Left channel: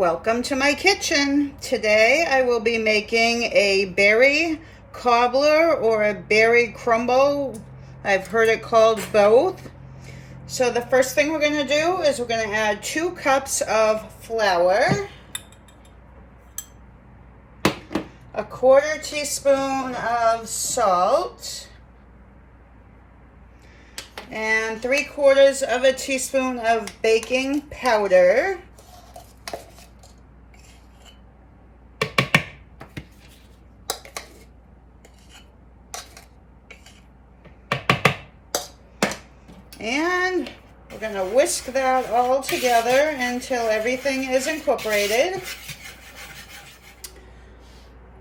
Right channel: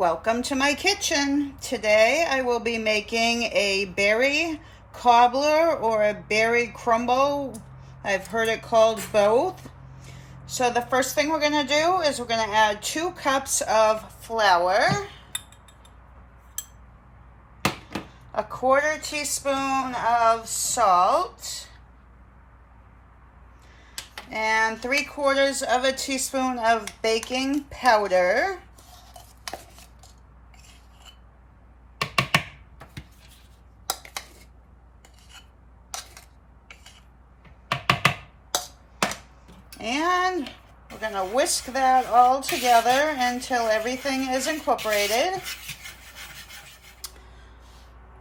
Welcome to my kitchen. Today I will be making a berry cobbler or a berry crumble. I've heard it called both. So the first thing we're going to do is we're going to add 2 cups of flour, a 1/4 teaspoon of salt, and 3/4 of a teaspoon of baking powder. And we're going to whisk that all together until everything is incorporated.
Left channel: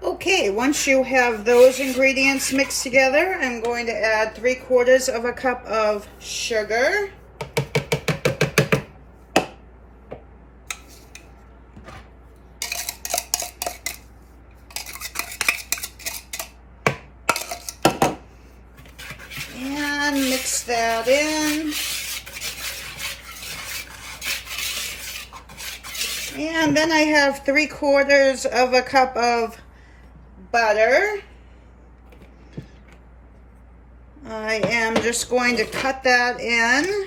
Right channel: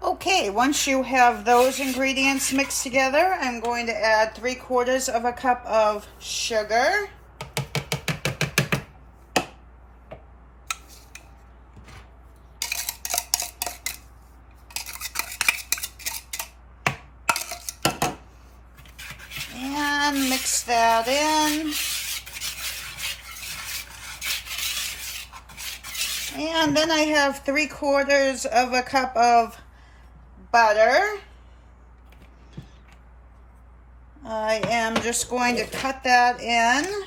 Okay, once you have those ingredients mixed together, I'm going to add 3/4 of a cup of sugar. And mix that in. And then I have 3/4 of a cup of butter. I am just going to cut that in.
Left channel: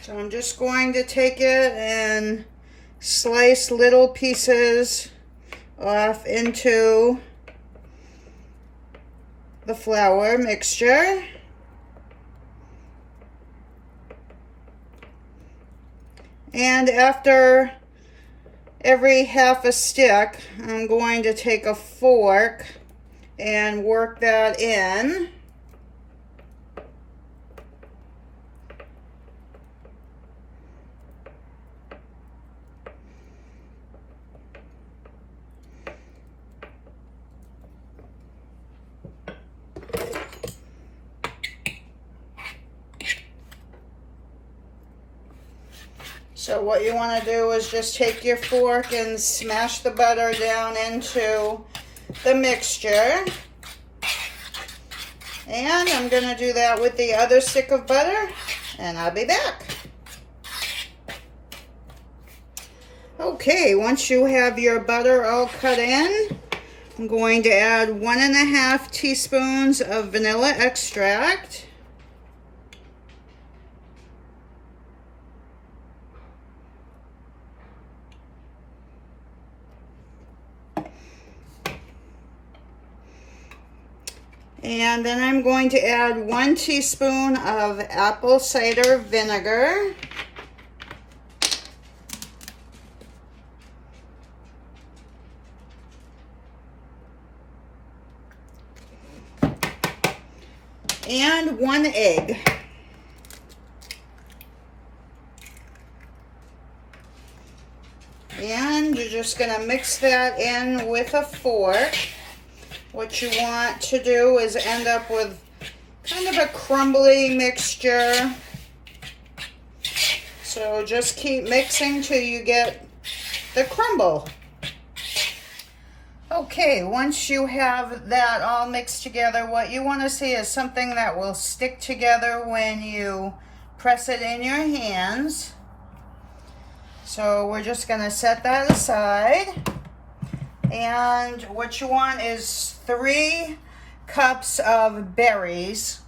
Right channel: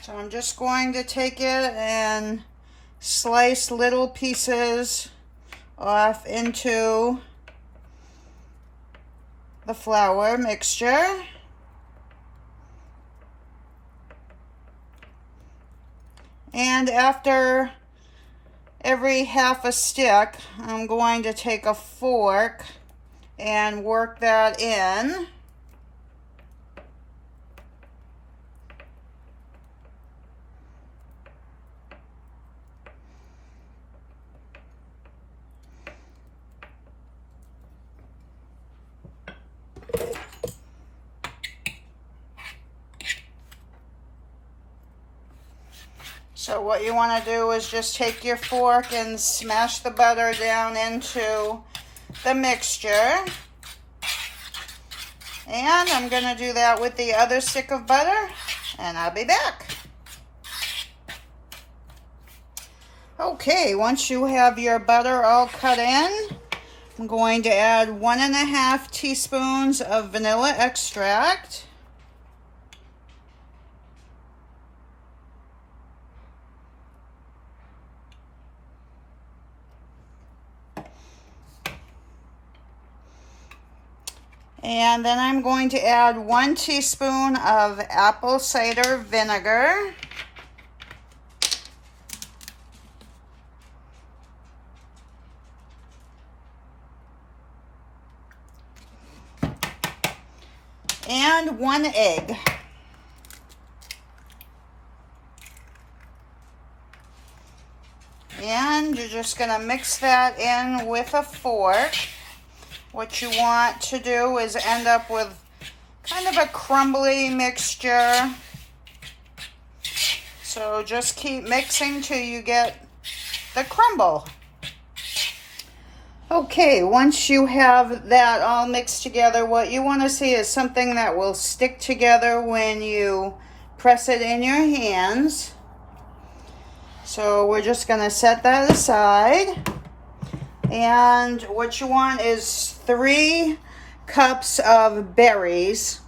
So I'm just going to take it and slice little pieces off into the flour mixture. And after every half a stick, I'm going to take a fork and work that in. So what you want to do is just take your fork and smash the butter down into the mixture. And I'm going to do that with the other stick of butter, and I'll be back. Okay, once you have your butter all cut in, I'm going to add 1½ teaspoons of vanilla extract. And then I'm going to add 1 teaspoon of apple cider vinegar. And 1 egg. And you're just going to mix that in with a fork. What you want to do is end up with kind of a crumbly mixture. So just keep mixing till you get the crumble. Okay, once you have that all mixed together, what you want to see is something that will stick together when you press it in your hands. So we're just going to set that aside. And what you want is 3 cups of berries.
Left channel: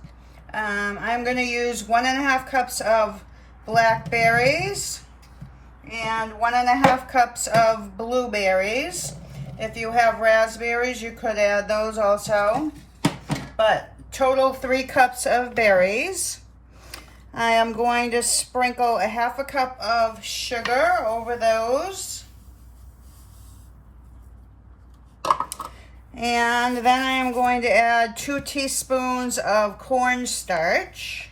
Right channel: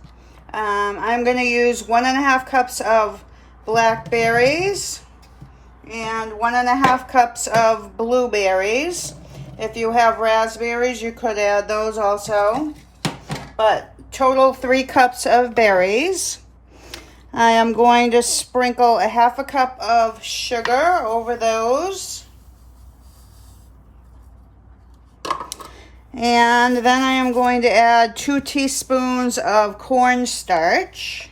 I'm going to use 1½ cups of blackberries and 1½ cups of blueberries. If you have raspberries, you could add those also. But total 3 cups of berries. I am going to sprinkle a ½ cup of sugar over those. And then I am going to add 2 teaspoons of cornstarch.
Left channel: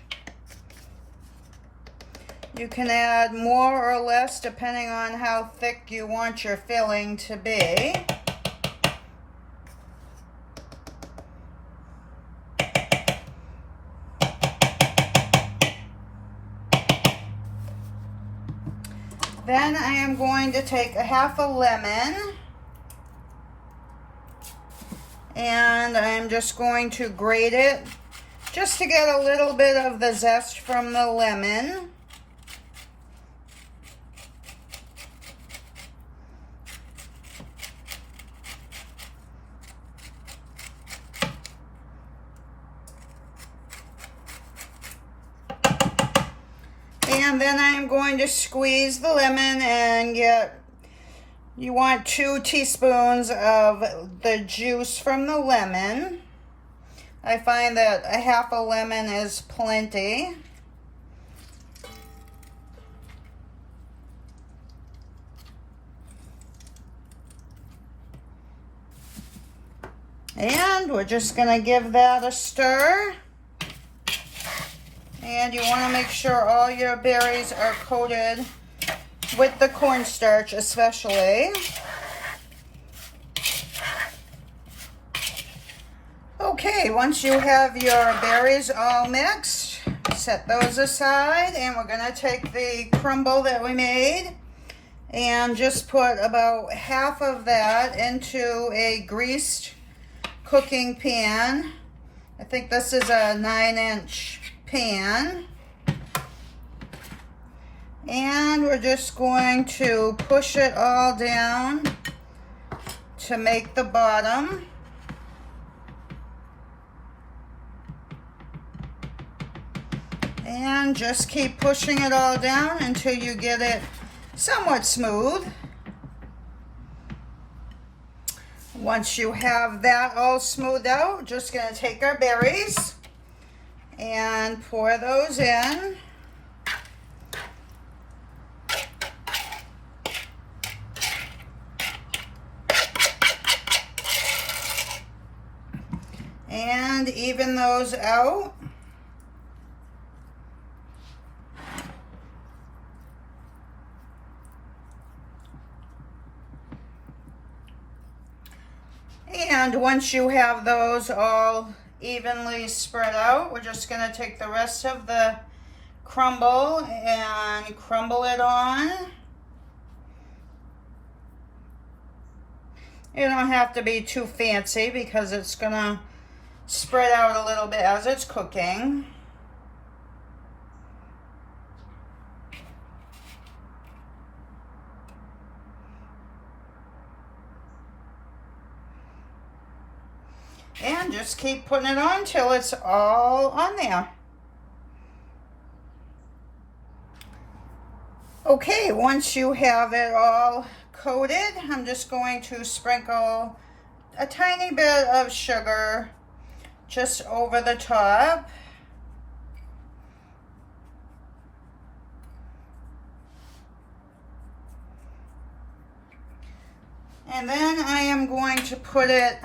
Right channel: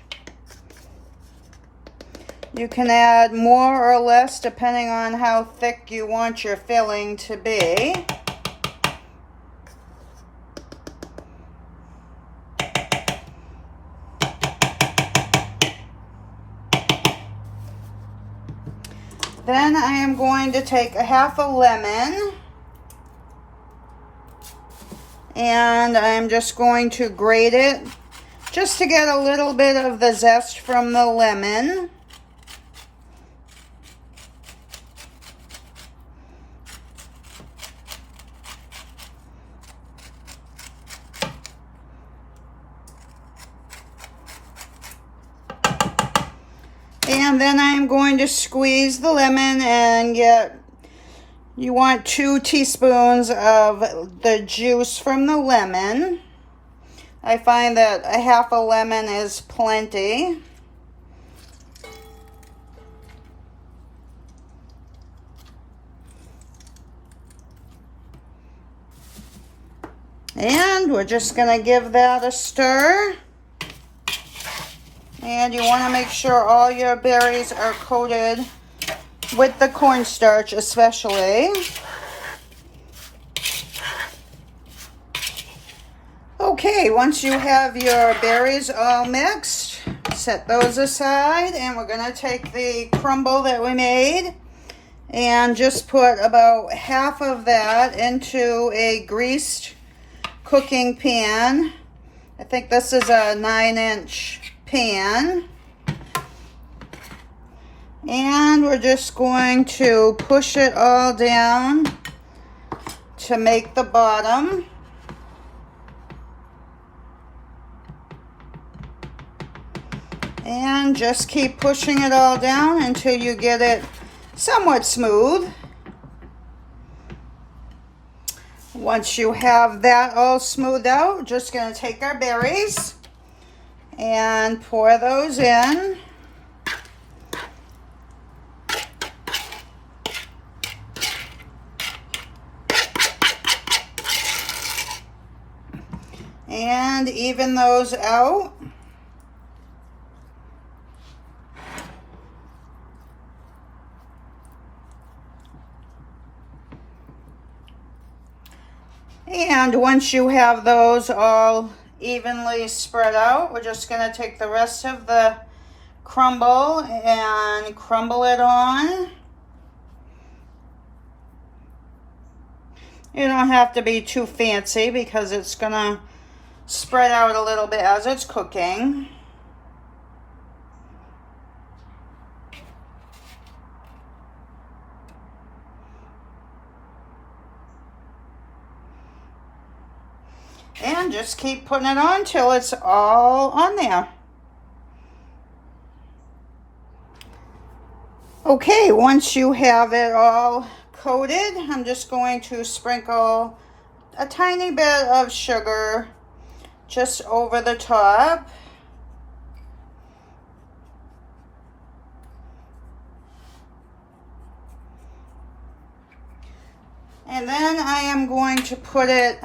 You can add more or less depending on how thick you want your filling to be. Then I am going to take a ½ a lemon. And I'm just going to grate it just to get a little bit of the zest from the lemon. And then I'm going to squeeze the lemon and you want 2 teaspoons of the juice from the lemon. I find that a half a lemon is plenty. And we're just going to give that a stir. And you want to make sure all your berries are coated with the cornstarch especially. Okay, once you have your berries all mixed, set those aside, and we're going to take the crumble that we made and just put about half of that into a greased cooking pan. I think this is a 9-inch pan. And we're just going to push it all down to make the bottom. And just keep pushing it all down until you get it somewhat smooth. Once you have that all smoothed out, we're just going to take our berries and pour those in. And even those out. And once you have those all evenly spread out, we're just going to take the rest of the crumble and crumble it on. You don't have to be too fancy because it's going to spread out a little bit as it's cooking. And just keep putting it on till it's all on there. Okay, once you have it all coated, I'm just going to sprinkle a tiny bit of sugar just over the top. And then I am going to put it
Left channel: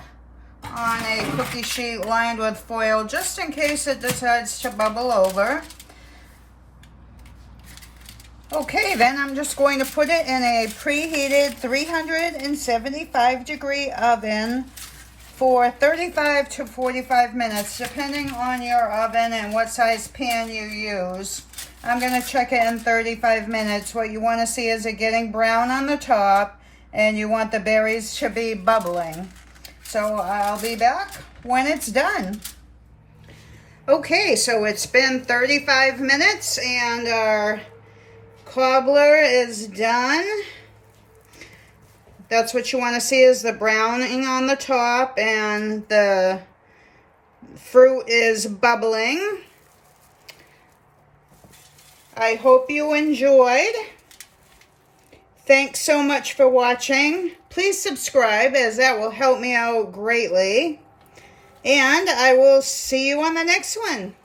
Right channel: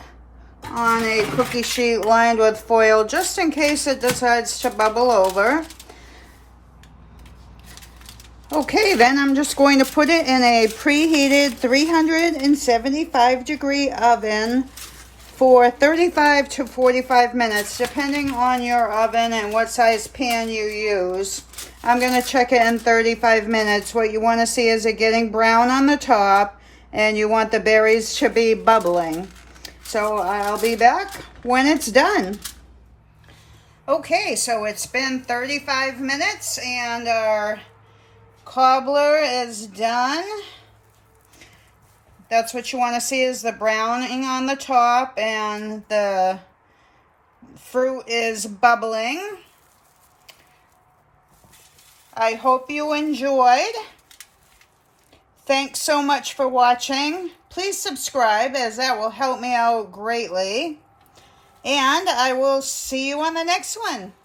on a cookie sheet lined with foil just in case it decides to bubble over. Okay, then I'm just going to put it in a preheated 375 degree oven for 35 to 45 minutes, depending on your oven and what size pan you use. I'm going to check it in 35 minutes. What you want to see is it getting brown on the top, and you want the berries to be bubbling. So I'll be back when it's done. Okay, so it's been 35 minutes and our cobbler is done. That's what you want to see is the browning on the top and the fruit is bubbling. I hope you enjoyed. Thanks so much for watching. Please subscribe as that will help me out greatly. And I will see you on the next one.